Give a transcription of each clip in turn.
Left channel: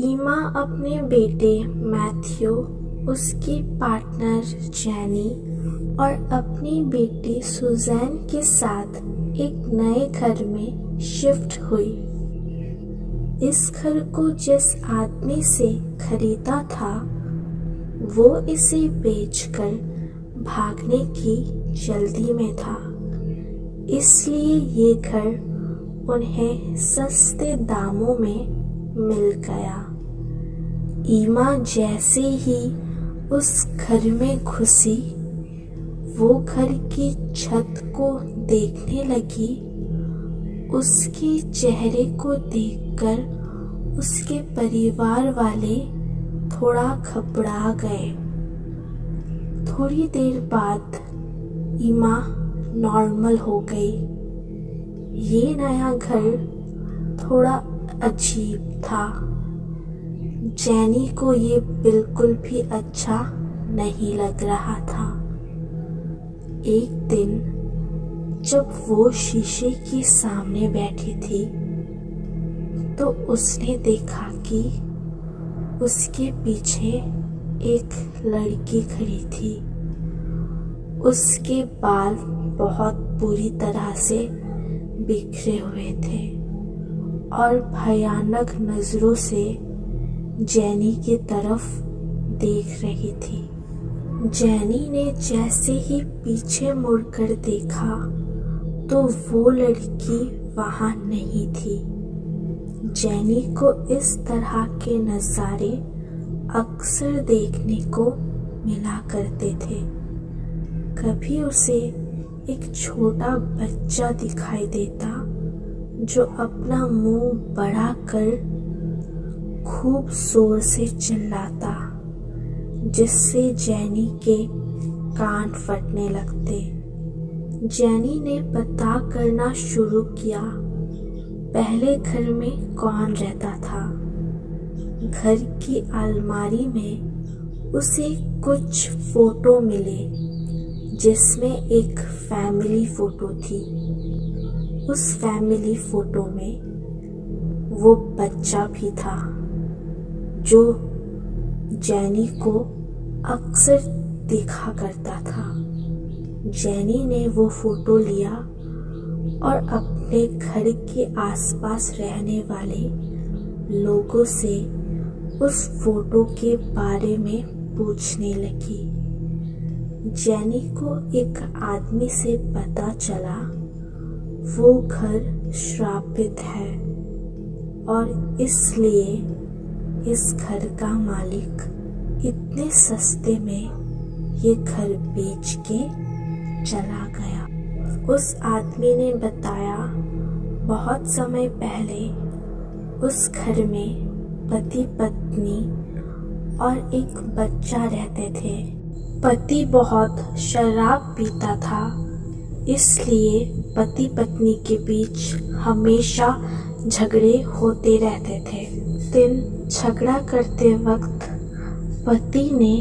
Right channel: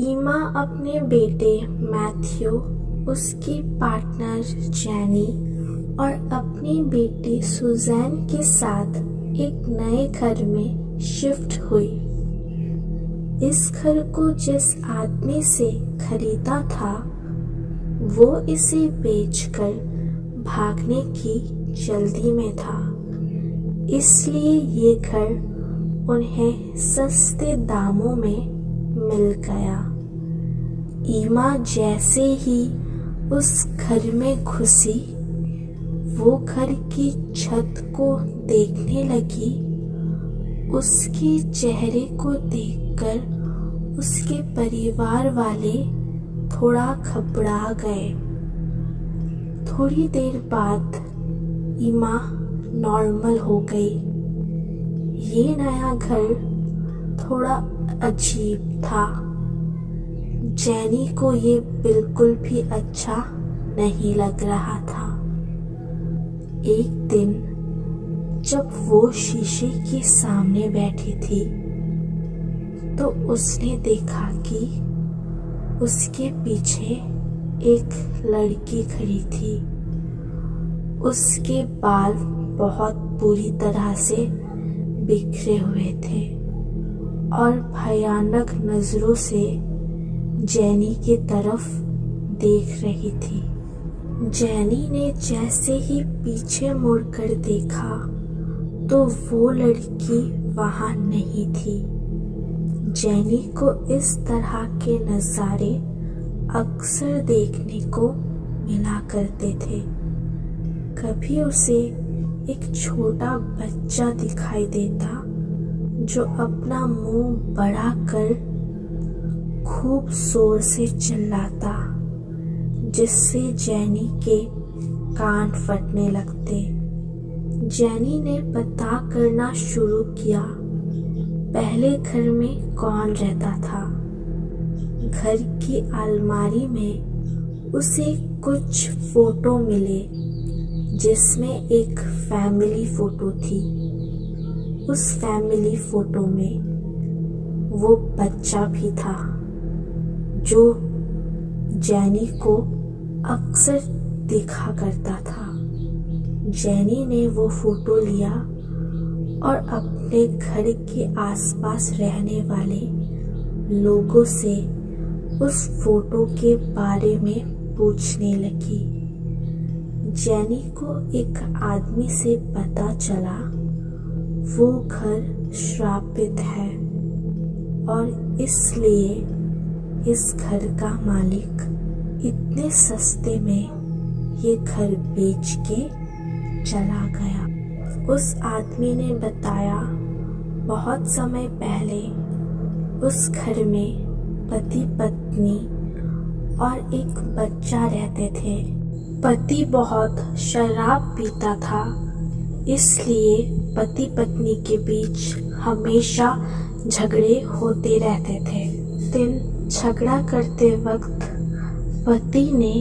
ईमा अपने बेटे मैथ्यू, उसकी पार्टनर जेनी और अपनी बेटी सुजैन के साथ एक नए घर में शिफ्ट हुई। इस घर को जिस आदमी से खरीदा था वो इसे बेचकर भागने की जल्दी में था, इसलिए ये घर उन्हें सस्ते दामों में मिल गया। ईमा जैसे ही उस घर में घुसी, वो घर की छत को देखने लगी। उसके चेहरे को देखकर उसके परिवार वाले थोड़ा घबरा गए। थोड़ी देर बाद ईमा नॉर्मल हो गई। ये नया घर थोड़ा अजीब था। जेनी को ये बिल्कुल भी अच्छा नहीं लग रहा था। एक दिन जब वो शीशे के सामने बैठी थी तो उसने देखा कि उसके पीछे एक लड़की खड़ी थी। उसके बाल बहुत बुरी तरह से बिखरे हुए थे और भयानक नजरों से जेनी की तरफ देख रही थी। जेनी ने जैसे ही पीछे मुड़कर देखा तो वो लड़की वहां नहीं थी। जेनी को इस तरह के नज़ारे अक्सर देखने को मिला करते थे। कभी उसे एक छोटा बच्चा दिखाई देता जो अपना मुंह बड़ा कर खूब जोर से चिल्लाता, जिससे जेनी के कान फटने लगते। जेनी ने पता करना शुरू किया पहले घर में कौन रहता था। घर की अलमारी में उसे कुछ फोटो मिले जिसमें एक फैमिली फोटो थी। उस फैमिली फोटो में वो बच्चा भी था जो जेनी को अक्सर देखा करता था। जेनी ने वो फोटो लिया और अपने घर के आसपास रहने वाले लोगों से उस फोटो के बारे में पूछने लगी। जेनी को एक आदमी से पता चला वो घर श्रापित है और इसलिए इस घर का मालिक इतने सस्ते में ये घर बेच के चला गया। उस आदमी ने बताया बहुत समय पहले उस घर में पति पत्नी और एक बच्चा रहते थे। पति बहुत शराब पीता था, इसलिए पति पत्नी के बीच हमेशा झगड़े होते रहते थे। दिन झगड़ा करते वक्त पति ने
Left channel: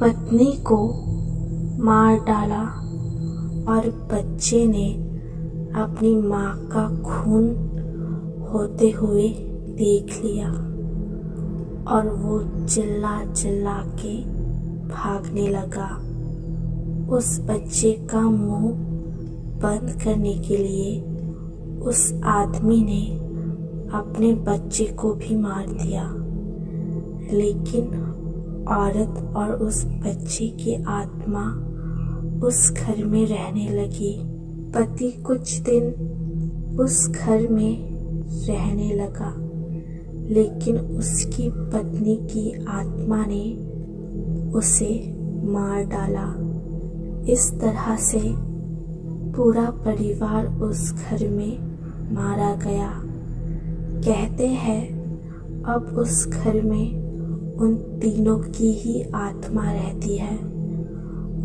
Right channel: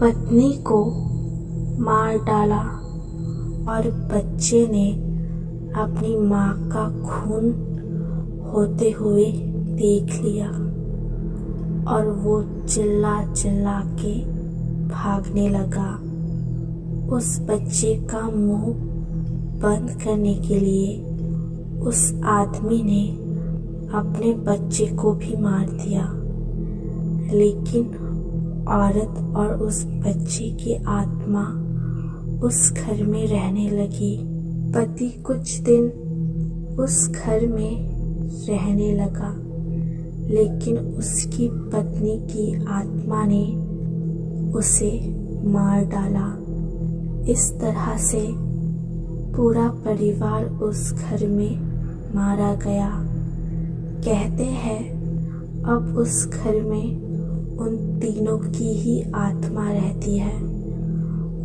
पत्नी को मार डाला और बच्चे ने अपनी माँ का खून होते हुए देख लिया और वो चिल्ला चिल्ला के भागने लगा। उस बच्चे का मुंह बंद करने के लिए उस आदमी ने अपने बच्चे को भी मार दिया, लेकिन औरत और उस बच्चे की आत्मा उस घर में रहने लगी। पति कुछ दिन उस घर में रहने लगा, लेकिन उसकी पत्नी की आत्मा ने उसे मार डाला। इस तरह से पूरा परिवार उस घर में मारा गया। कहते हैं अब उस घर में उन तीनों की ही आत्मा रहती है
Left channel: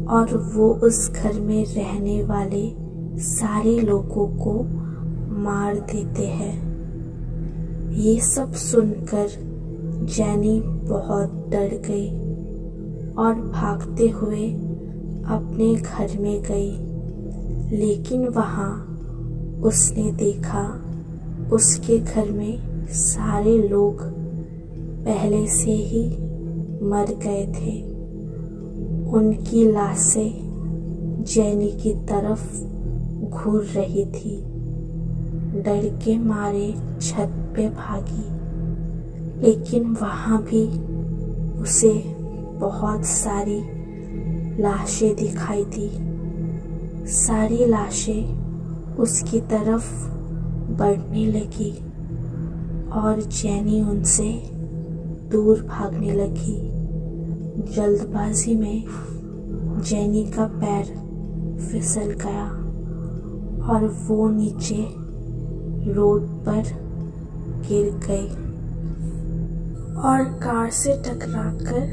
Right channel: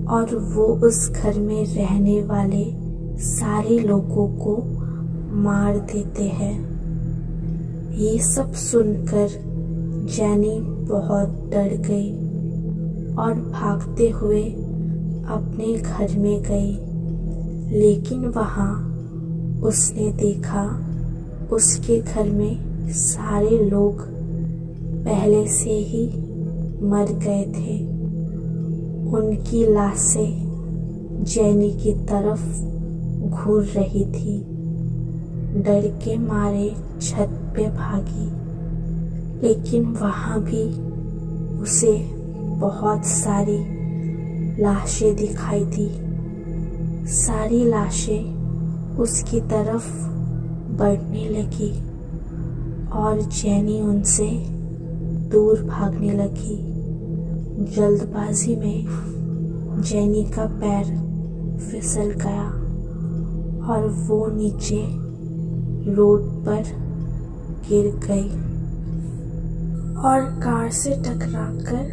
और वो उस घर में रहने वाले सारे लोगों को मार देते हैं। ये सब सुनकर जेनी बहुत डर गई और भागते हुए अपने घर में गई, लेकिन वहाँ उसने देखा उसके घर में सारे लोग पहले से ही मर गए थे। उनकी लाशें जेनी की तरफ घूर रही थी। डर के मारे छत पे भागी, लेकिन वहाँ भी उसे बहुत सारी लाशें दिखाई दी। सारी लाशें उसकी तरफ बढ़ने लगी और जेनी उनसे दूर भागने लगी। जल्दबाजी में जेनी का पैर फिसल गया और वो नीचे रोड पर गिर गई और कार से टकराकर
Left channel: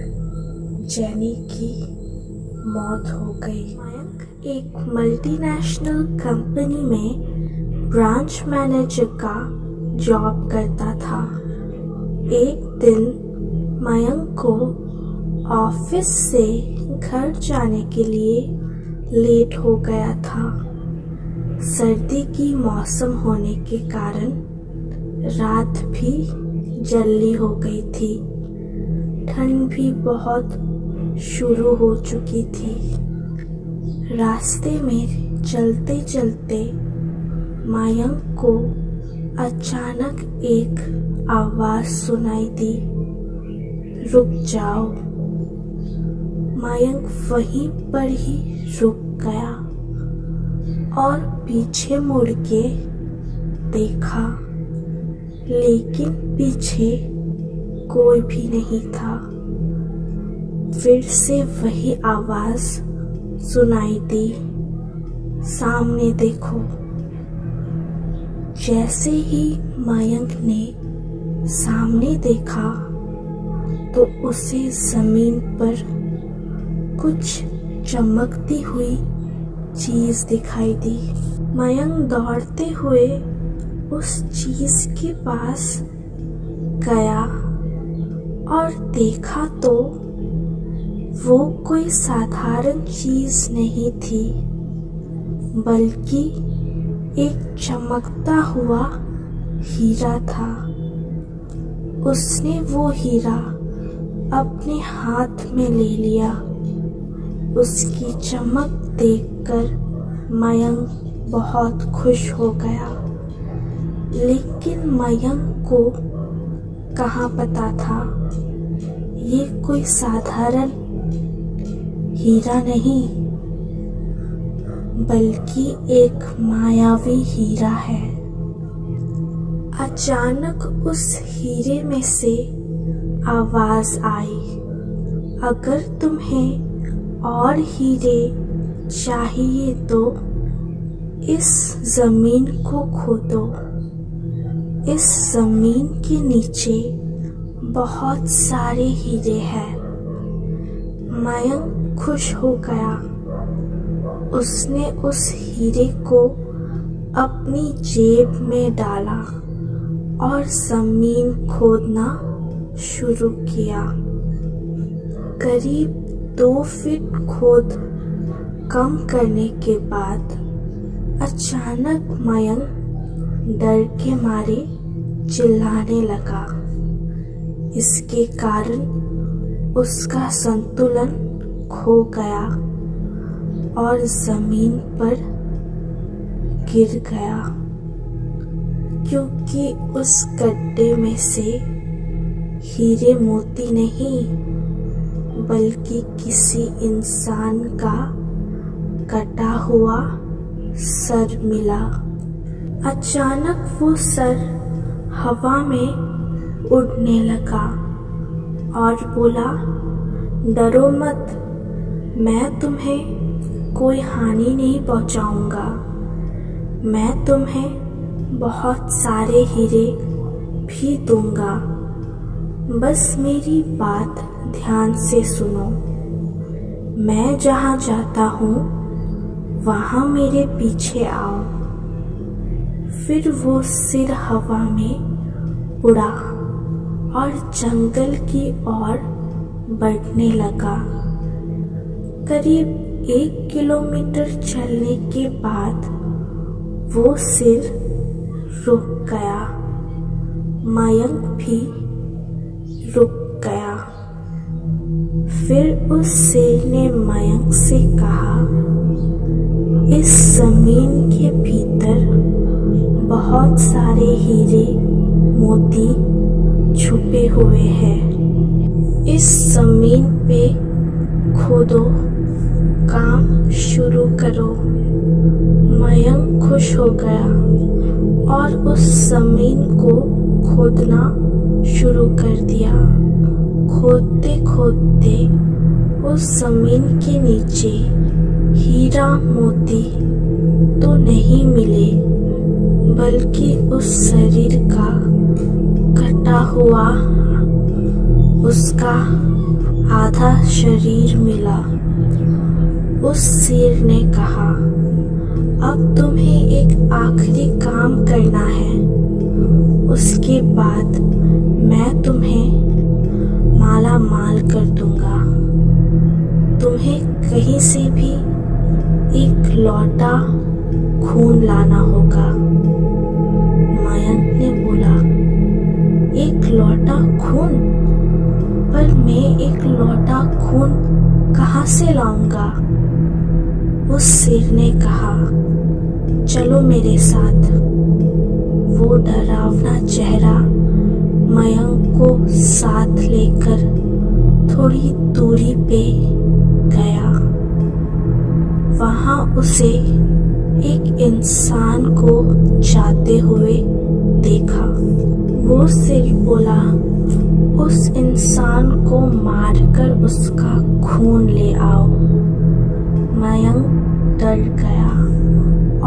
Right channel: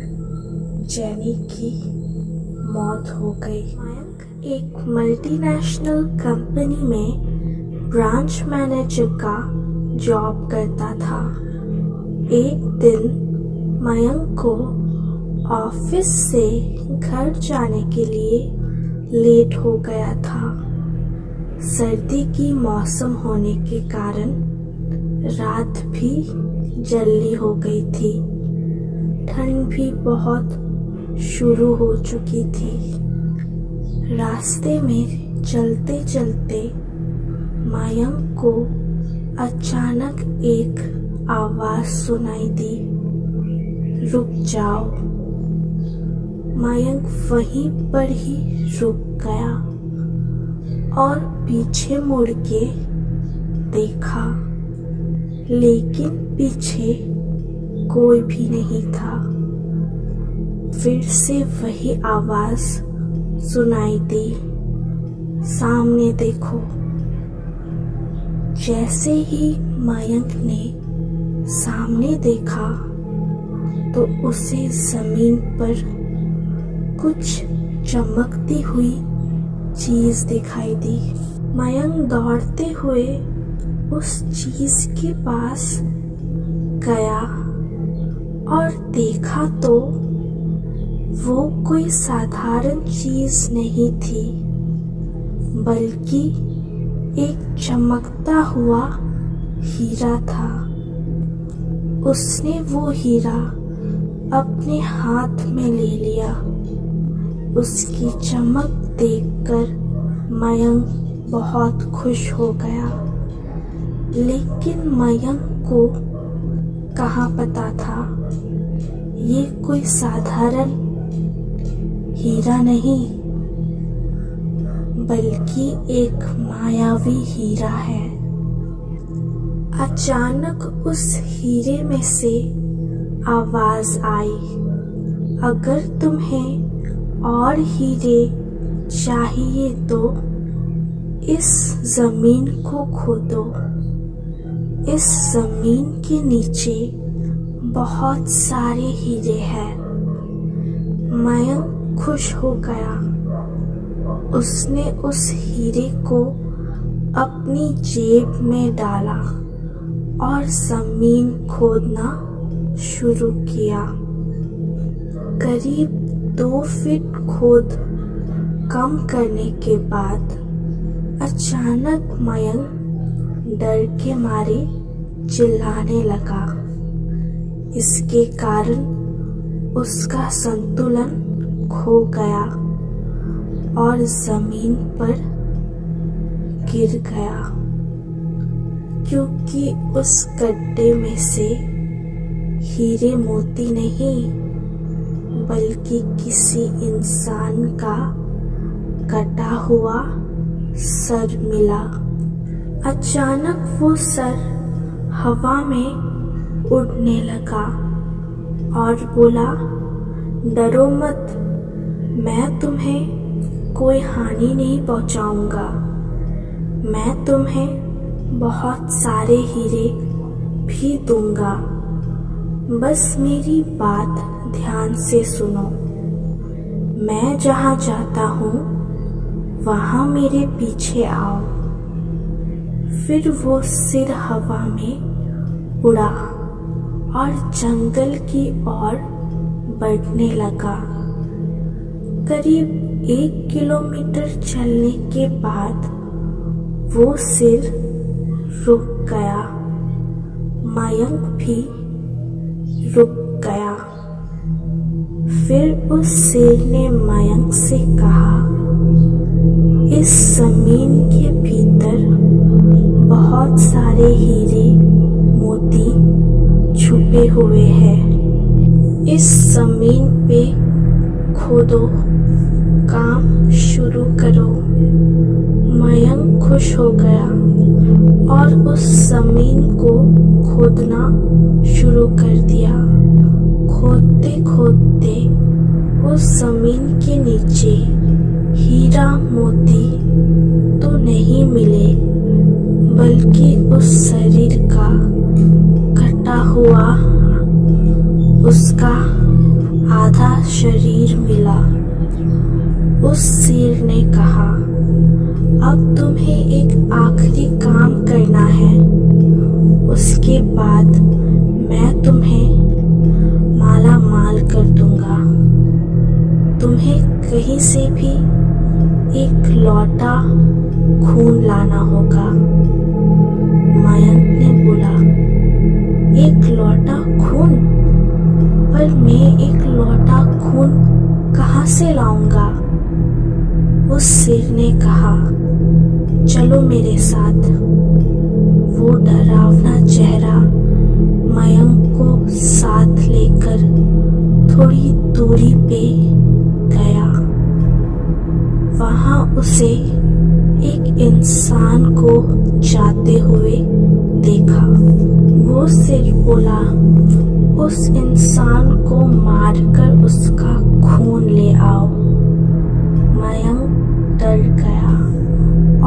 जेनी की मौत हो गई। मयंक एक मल्टीनेशनल कंपनी में ब्रांच मैनेजर का जॉब करता था। एक दिन मयंक को ऑफिस से घर जाने के लिए लेट हो गया था। सर्दी की मौसम होने के कारण रात भी जल्दी हो गई थी। ठंड भी बहुत शुरू हो चुकी थी। रास्ते में चलते चलते मयंक को अचानक एक आवाज सुनाई दी, रुक जाओ। मयंक वहीं पर ही रुक गया और पीछे मुड़ के देखा, लेकिन पीछे कोई भी नहीं था। फिर से वही आवाज सुनाई दी, सामने देखो। जैसे ही मयंक ने सामने देखा तो उसे जमीन पर कुछ चमकती हुई चीज दिखाई दी। मयंक दौड़ते हुए उस चीज के पास गया और देखा तो वो कोई साधारण चीज नहीं थी, बल्कि एक चमकता हुआ हीरा था। उसने वो हीरा अपने हाथ में ले लिया। उसकी चमक देखकर मयंक बहुत खुश हो गया, लेकिन मयंक को कहाँ पता था ये कोई साधारण हीरा नहीं, बल्कि एक मायावी हीरा है। अचानक उस हीरे में से आवाज आई, अगर तुम्हें और हीरे चाहिए तो इस जमीन को खोदो। इस जमीन के नीचे बहुत सारे हीरे हैं। मयंक खुश हो गया। उसने उस हीरे को अपनी जेब में डाला और जमीन खोदना शुरू किया। करीब 2 फीट खोद कम करने के बाद अचानक मयंक डर के मारे चिल्लाने लगा। इसके कारण उसका संतुलन खो गया और जमीन पर गिर गया, क्योंकि उस गड्ढे में से हीरे मोती नहीं, बल्कि किसी इंसान का कटा हुआ सर मिला। अचानक वो सर हवा में उड़ने लगा और बोला, डरो मत, मैं तुम्हें कोई हानि नहीं पहुंचाऊंगा। मैं तुम्हें बहुत सारे हीरे भी दूंगा। बस मेरी बात ध्यान से सुनो। मैं जहाँ जाता हूँ वहाँ मेरे पीछे आओ। फिर वो सिर हवा में उड़ा और जंगल की ओर बढ़ने लगा। करीब 1 किलोमीटर चलने के बाद वो सिर रुक गया। मयंक भी रुक गया। फिर उस शेर ने मयंक से कहा, इस जमीन के भीतर बहुत सारे हीरे मोती छुपे हुए हैं। इस जमीन पे खोदो, काम शुरू करो। मयंक खुश हो गया और उस जमीन को खोदना शुरू कर दिया। खोदते खोदते उस जमीन के नीचे हीरा मोती तो नहीं मिले, बल्कि उस शरीर का कटा हुआ उसका आधा शरीर मिला। उस शेर ने कहा, अब तुम्हें एक आखिरी काम करना है, उसके बाद मैं तुम्हें माला माल कर दूंगा। तुम्हें कहीं से भी एक लौटा खून लाना होगा। मयंक ने बोला, एक लौटा खून? पर मैं एक लौटा खून कहाँ से लाऊंगा? उस शेर ने कहा, चलो मेरे साथ। वो डरावना चेहरा मयंक को साथ लेकर थोड़ी दूरी पे गया। वहां उसे एक इंसान को जाते हुए देखा। वो शेर बोला, उस इंसान को मारकर उसका खून ले आओ। मयंक डर गया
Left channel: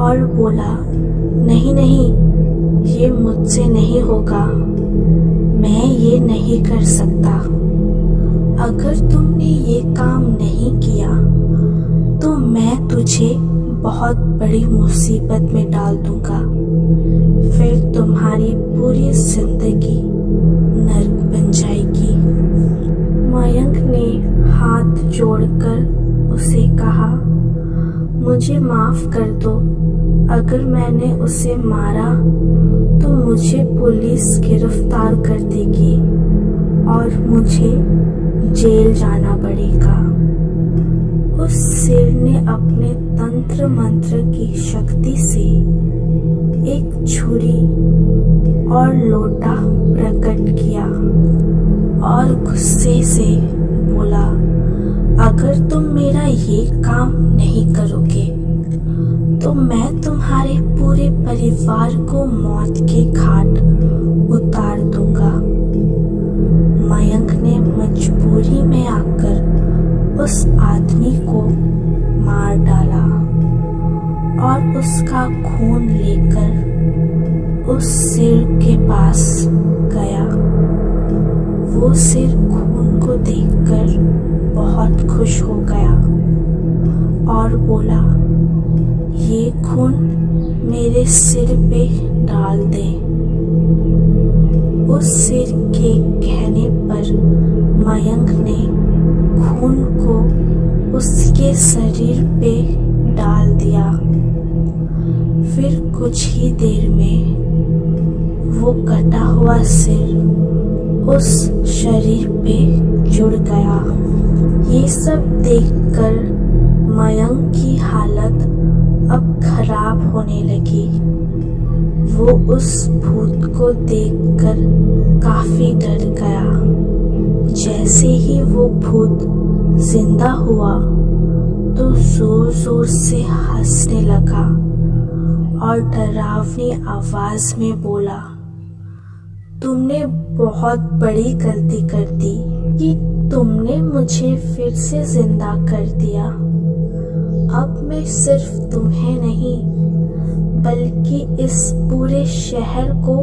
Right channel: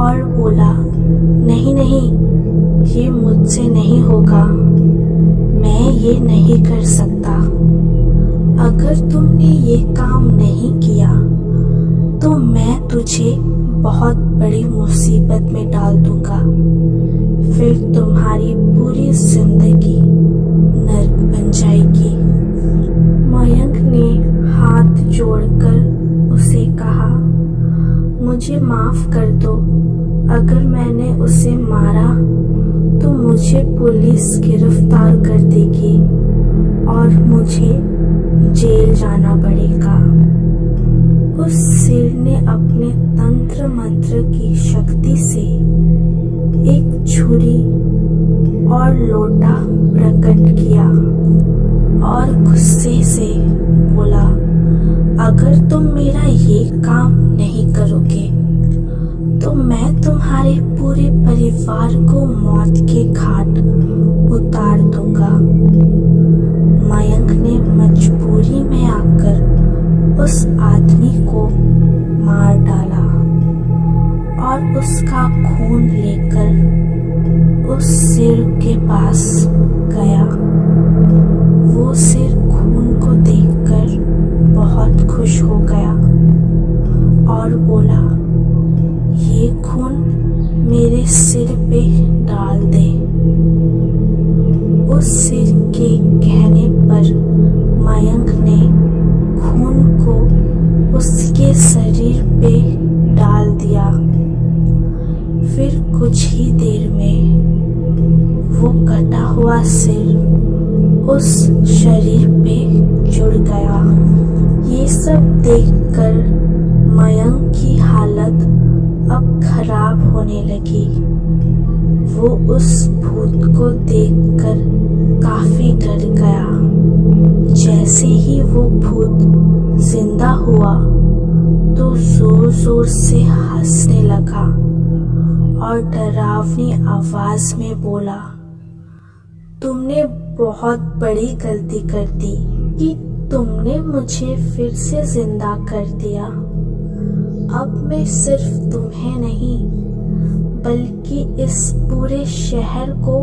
और बोला, नहीं नहीं, ये मुझसे नहीं होगा, मैं ये नहीं कर सकता। अगर तुमने ये काम नहीं किया तो मैं तुझे बहुत बड़ी मुसीबत में डाल दूंगा, फिर तुम्हारी पूरी जिंदगी नर्क बन जाएगी। मयंक ने हाथ जोड़कर उसे कहा, मुझे माफ कर दो। अगर मैंने उसे मारा तो मुझे पुलिस गिरफ्तार कर देगी और मुझे जेल जाना पड़ेगा। उस शेर ने अपने तंत्र मंत्र की शक्ति से एक छुरी और लोटा प्रकट किया और गुस्से से बोला, अगर तुम मेरा ये काम नहीं करोगे तो मैं तुम्हारे पूरे परिवार को मौत के घाट उतार दूंगा। मयंक ने मजबूरी में आकर उस आदमी को मार डाला और उसका खून लेकर उस शेर के पास गया। वो शेर खून को देखकर बहुत खुश हो गया और बोला, ये खून मेरे सिर पे डाल दे। उस शेर के कहने पर मयंक ने खून को उसके शरीर पे डाल दिया। फिर कुछ ही देर में वो कटा हुआ सिर उस शरीर पे जुड़ गया। ये सब देखकर मयंक की हालत अब खराब होने लगी। वो उस भूत को देखकर काफी डर गया। जैसे ही वो भूत जिंदा हुआ तो जोर जोर से हंसने लगा और डरावनी आवाज में बोला, तुमने बहुत बड़ी गलती कर दी कि तुमने मुझे फिर से जिंदा कर दिया। अब मैं सिर्फ तुम्हें नहीं बल्कि इस पूरे शहर को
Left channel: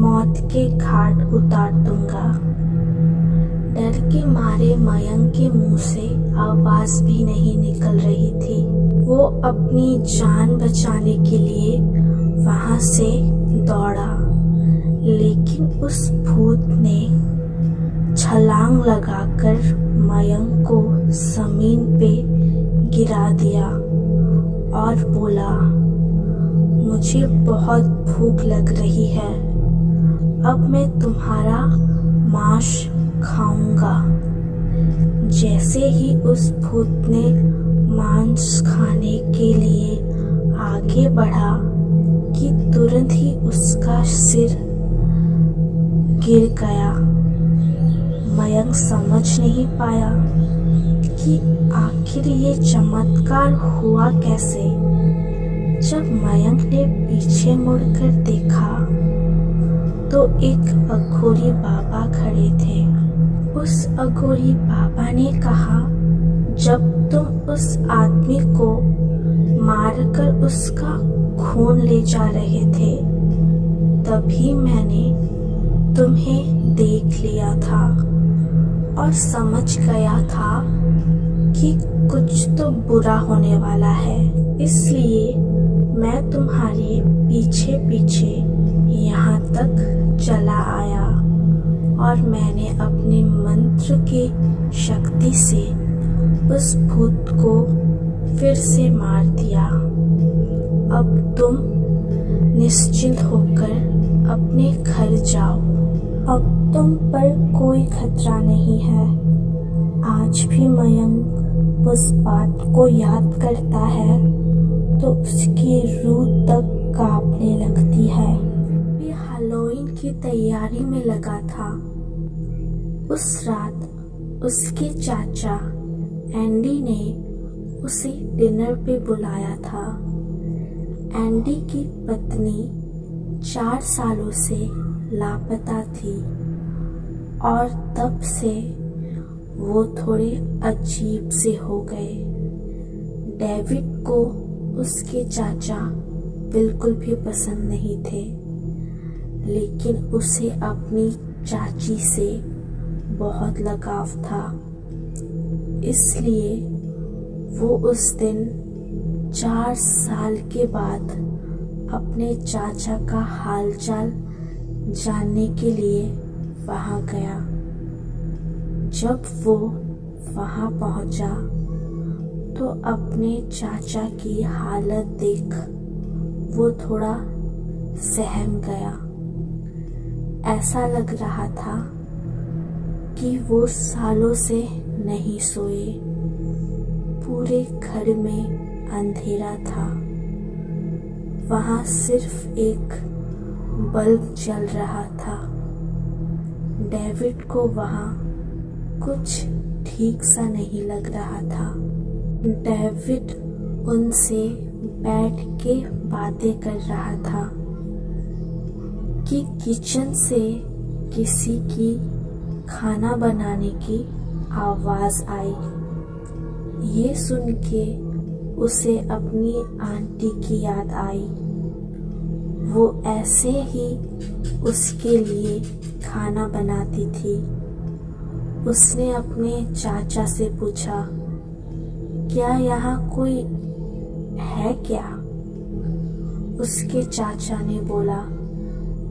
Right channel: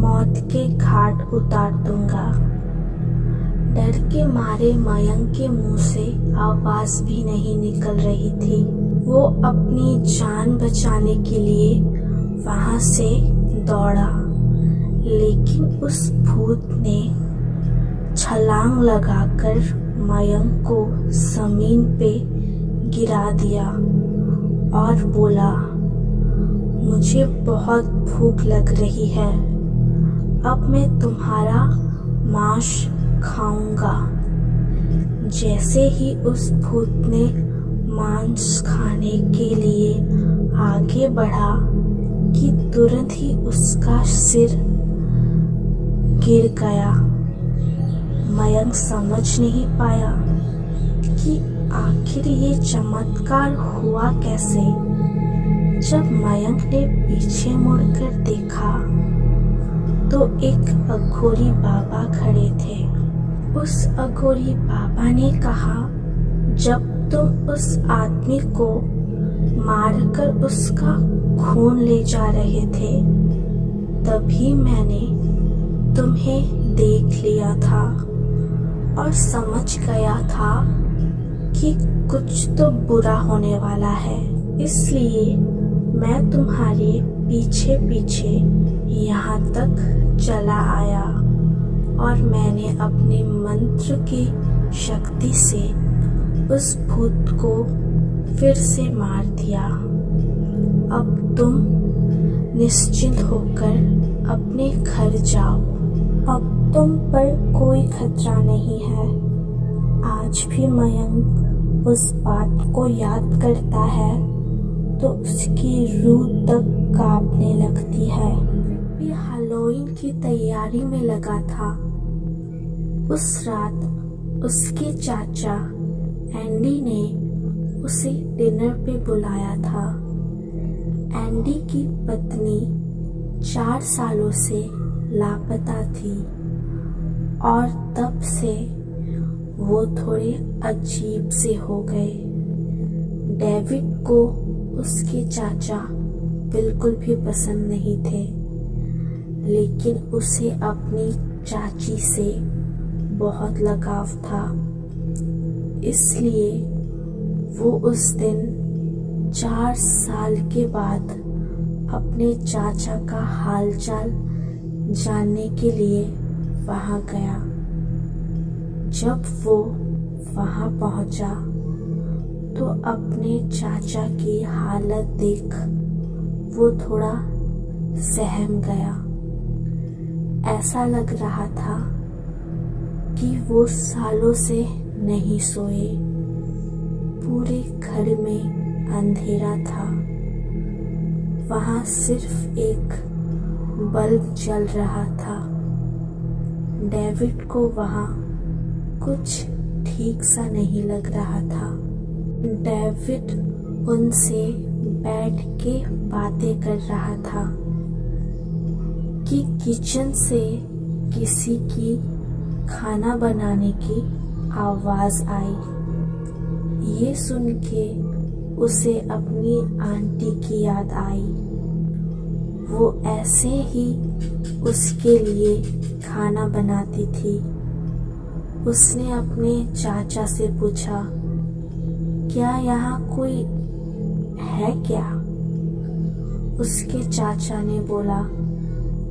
मौत के घाट उतार दूंगा। डर के मारे मयंक के मुंह से आवाज भी नहीं निकल रही थी। वो अपनी जान बचाने के लिए वहां से दौड़ा, लेकिन उस भूत ने छलांग लगाकर मयंक को जमीन पे गिरा दिया और बोला, मुझे बहुत भूख लग रही है, अब मैं तुम्हारा मांस खाऊंगा। जैसे ही उस भूत ने मांस खाने के लिए आगे बढ़ा कि तुरंत ही उसका सिर गिर गया। मयंक समझ नहीं पाया कि आखिर ये चमत्कार हुआ कैसे। जब मयंक ने पीछे मुड़कर देखा तो एक अघोरी बाबा खड़े थे। उस अघोरी बाबा ने कहा, जब तुम उस आदमी को मारकर उसका खून ले जा रहे थे तभी मैंने तुम्हें देख लिया था और समझ गया था कि कुछ तो बुरा होने वाला है। इसलिए मैं तुम्हारे पीछे पीछे यहाँ तक चला आया और मैंने अपने मंत्र की शक्ति से उस भूत को फिर से मार दिया। अब तुम निश्चिंत होकर अपने घर जाओ। अब तुम पर कोई खतरा नहीं है। आज भी मयंक उस बात को याद करता है तो उसकी रूह तक कांपने लगती है। भी हैलोवीन की तैयारी में लगा था। उस रात उसके चाचा एंडी ने उसे डिनर पे बुलाया था। एंडी की पत्नी 4 सालों से लापता थी और तब से वो थोड़े अजीब से हो गए। डेविड को उसके चाचा बिल्कुल भी पसंद नहीं थे, लेकिन उसे अपनी चाची से बहुत लगाव था। इसलिए वो उस दिन 4 साल के बाद अपने चाचा का हालचाल जानने के लिए वहां गया। जब वो वहां पहुंचा तो अपने चाचा की हालत देख वो थोड़ा सहम गया। ऐसा लग रहा था कि वो सालों से नहीं सोए। पूरे घर में अंधेरा था। वहां सिर्फ एक बल्ब जल रहा था। डेविड को वहां कुछ ठीक सा नहीं लग रहा था। डेविड उनसे बैठ के बातें कर रहा था कि किचन से किसी की खाना बनाने की आवाज आई। ये सुन के उसे अपनी आंटी की याद आई। वो ऐसे ही उसके लिए खाना बनाती थी। उसने अपने चाचा से पूछा, क्या यहाँ कोई है क्या? उसके चाचा ने बोला,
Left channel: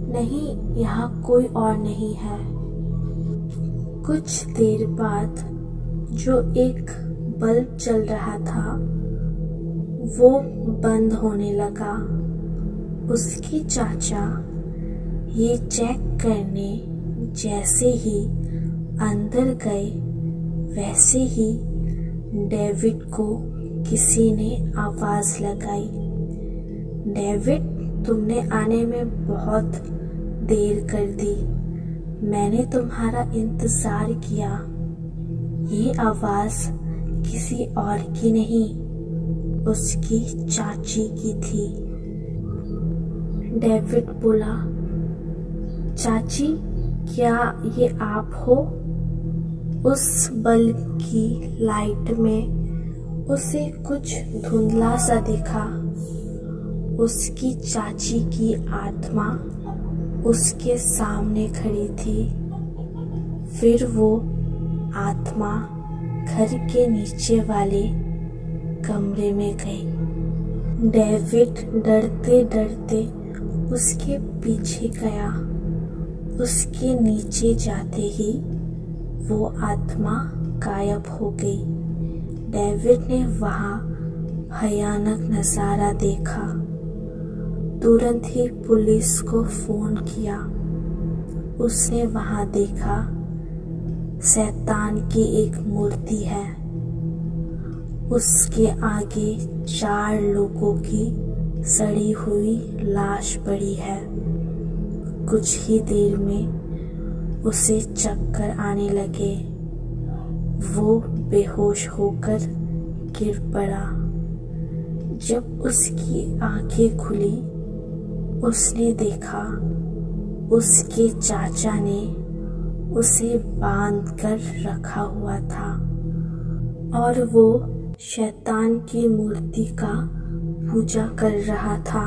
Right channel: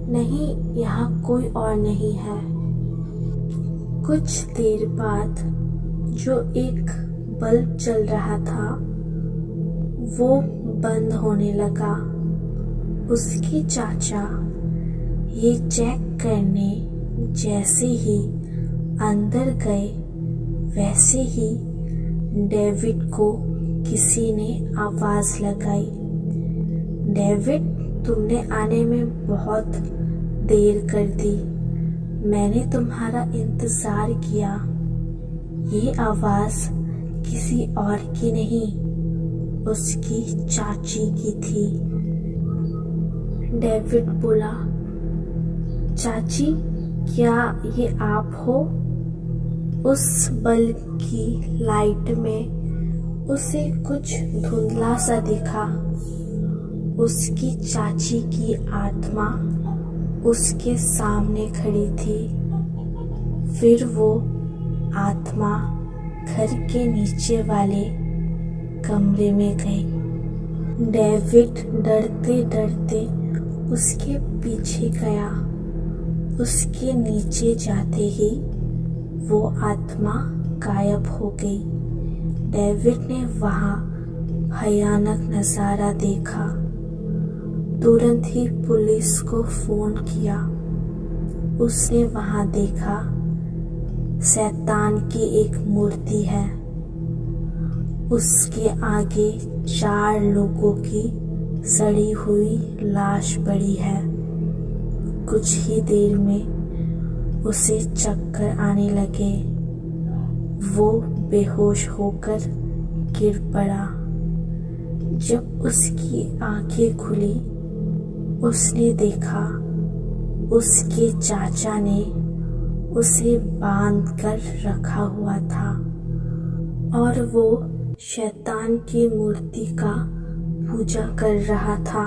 नहीं, यहाँ कोई और नहीं है। कुछ देर बाद जो एक बल्ब चल रहा था वो बंद होने लगा। उसके चाचा ये चेक करने जैसे ही अंदर गए वैसे ही डेविड को किसी ने आवाज लगाई, डेविड, तुमने आने में बहुत देर कर दी। मैंने तुम्हारा इंतजार किया। ये आवाज किसी और की नहीं, उसकी चाची की थी। डेविड बोला, चाची, क्या ये आप हो? उस बल्ब की लाइट में उसे कुछ धुंधला सा दिखा। उसकी चाची की आत्मा उसके सामने खड़ी थी। फिर वो आत्मा घर के नीचे वाले कमरे में गई। डेविड डरते डरते उसके पीछे गया। उसके नीचे जाते ही वो आत्मा गायब हो गई। डेविड ने वहां भयानक नजारा देखा। तुरंत ही पुलिस को फोन किया। उसने वहां देखा शैतान की एक मूर्ति है। उसके आगे 4 लोगों की सड़ी हुई लाश पड़ी है। कुछ ही देर में उसे चक्कर आने लगे। वो बेहोश होकर गिर पड़ा। जब उसकी आंखें खुली, उसने देखा उसके चाचा ने उसे बांध कर रखा हुआ था और वो शैतान की मूर्ति का पूजा कर रहा था।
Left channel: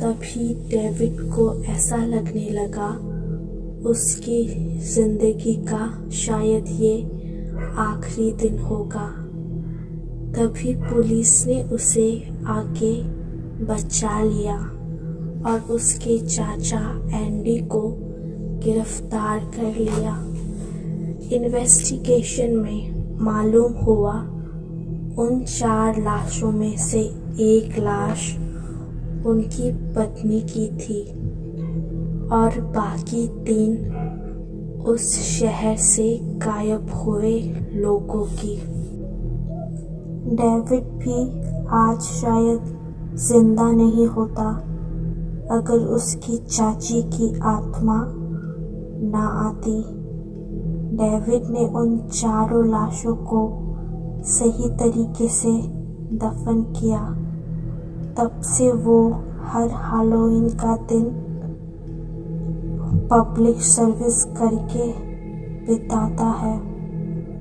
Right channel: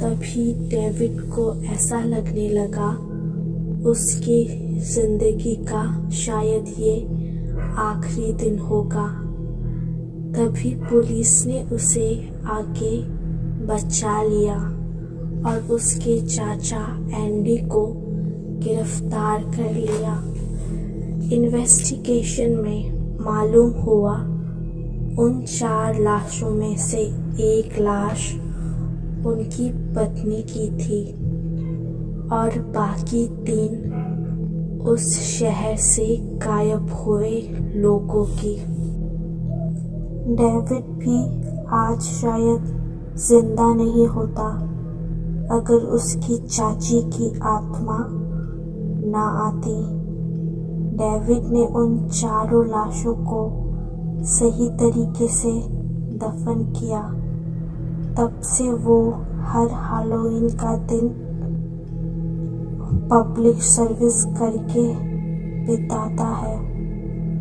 तभी डेविड को ऐसा लगने लगा उसकी जिंदगी का शायद ये आखिरी दिन होगा। तभी पुलिस ने उसे आगे बचा लिया और उसके चाचा एंडी को गिरफ्तार कर लिया। इन्वेस्टिगेशन में मालूम हुआ उन 4 लाशों में से एक लाश उनकी पत्नी की थी और बाकी 3 उस शहर से गायब हुए लोगों की। डेविड भी आज शायद जिंदा नहीं होता अगर उसकी चाची की आत्मा ना आती। डेविड ने उन 4 लाशों को सही तरीके से दफन किया। तब से वो हर हैलोवीन का दिन पब्लिक सर्विस करके बिताता है।